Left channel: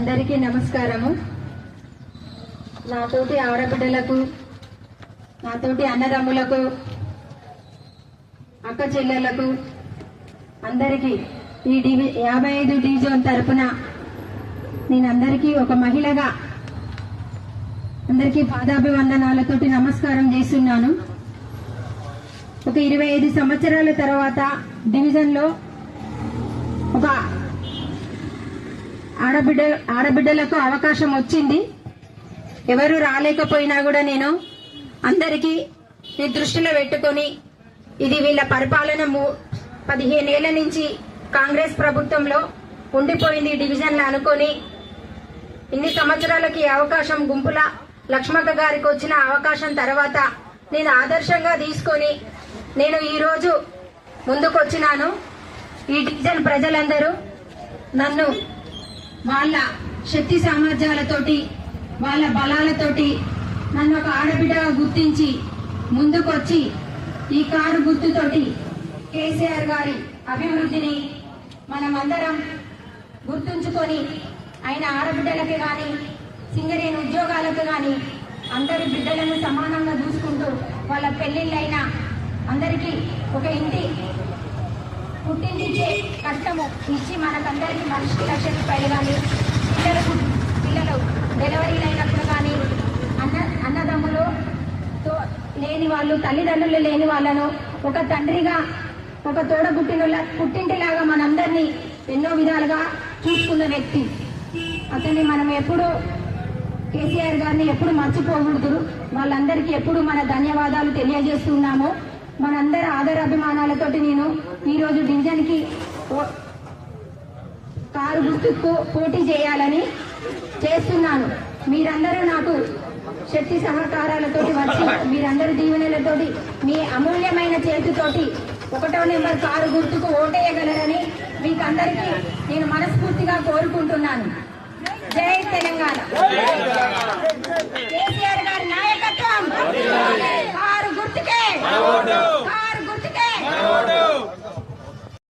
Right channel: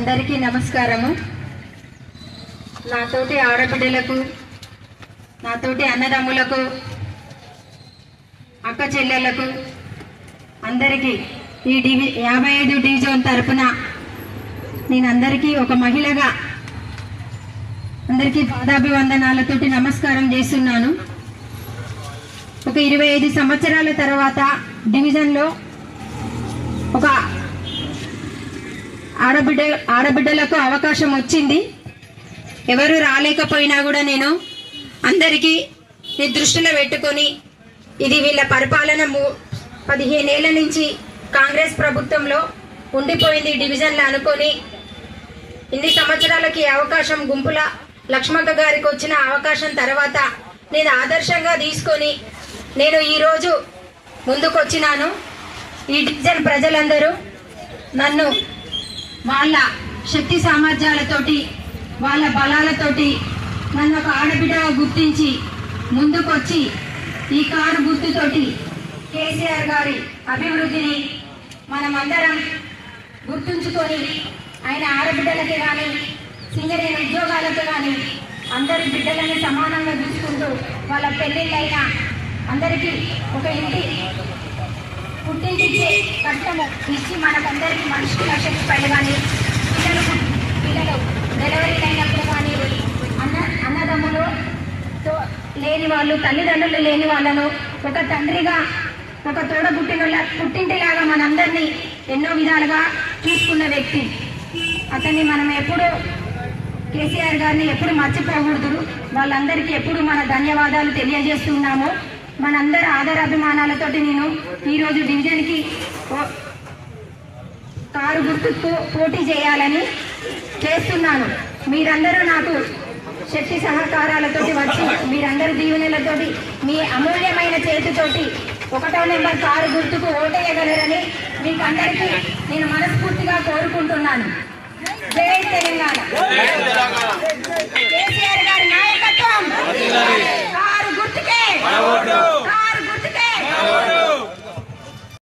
అందరికీ నమస్కారము. నాతోటి ఆడబిడ్డలకు, నాతోటి అన్నదమ్ములకు, అక్క చెల్లెలకు అందరికీ ఈ 55 డివిజన్ తరపున నేను అందరికీ ఒక మహిళగా అందరికీ పాదాభివందనాలతోటి నమస్కారం చేస్తున్నాను. ఒక 25 సంవత్సరాల తర్వాత డివిజన్లో ఒక ఆడబిడ్డలకు అవకాశం వచ్చింది. ఎవరు రాలేకపోయినా కూడా నేను అందరికీ దృష్టిలో పెట్టుకొని ఇది వీళ్ళ పరిపాలన 15 ఏళ్ల నుంచి కాంగ్రెస్ ప్రభుత్వంలో ఉండిపోయింది డివిజన్లో అనుకొని ఇన్ని సంవత్సరాలకి అవకాశం గుంపుల లక్ష్మక్క గారికి వచ్చిన అవకాశం తర్వాత నేను ఆదర్శంగా తీసుకొని నేను ఈరోజు ముందుకొచ్చినాను. ఈ డివిజన్ ప్రజలందరూ నన్ను వాళ్ళ శక్తి సామర్థ్యాలతోటి వాళ్ళ బలాలతోటి నన్ను ఒక ఆడబిడ్డగా గుర్తించి ముందుకొచ్చి ఈ కారు గుర్తుతోటి కేసీఆర్ గారి అభివృద్ధిని మనమందరం గుర్తుంచుకొని ఆయన ఆడబిడ్డలకి కానీ సింగరేణి ఉద్యోగాలకు కానీ అందరి బిడ్డలని సమానంగా చూసుకుంటూ వాళ్ళ పెళ్ళిళ్ళైనా అందరికీ ఒక ఇంటి పుట్టింటిచ్చే కష్టము ఇచ్చి మనకందరికీ మనిషికి 1,00,000 రూపాయలు కానీ పిల్లలు డెలివరీలు అయినప్పుడు కానీ అన్నదమ్ములు లేని వాళ్ళు, తల్లిదండ్రులు లేని వాళ్ళను ఒక తండ్రిగా ఒక పుట్టింటిలాగా మనందరినీ ఎన్నో విధాలుగా చూసుకున్న వ్యక్తి. అతన్ని మనం ఎప్పుడు కేసీఆర్ గారిని ఎప్పుడు మర్చిపోకూడదు. వాళ్ళందరికీ ఎప్పుడు మన ధన్యవాదాలు తెలియజేస్తున్నాము. మనందరి ఆదరాభిమానాలతోటి నేను ఈరోజు డివిజన్కి కారు గుర్తుకు పోటీ చేయాలని చేస్తున్నాను. మీరందరూ నాకు శక్తి సహకారాలతోటి వచ్చి మీరందరి దీవెనలతోటి మీ అమూల్యమైన చేతితోటి 1వ నెంబర్ కారు గుర్తుకు ఓటేయగలరని మీకు అందరికీ నేను మనస్ఫూర్తిగా కోరుకుంటున్నాను. జై తెలంగాణ. కేసీఆర్ గారు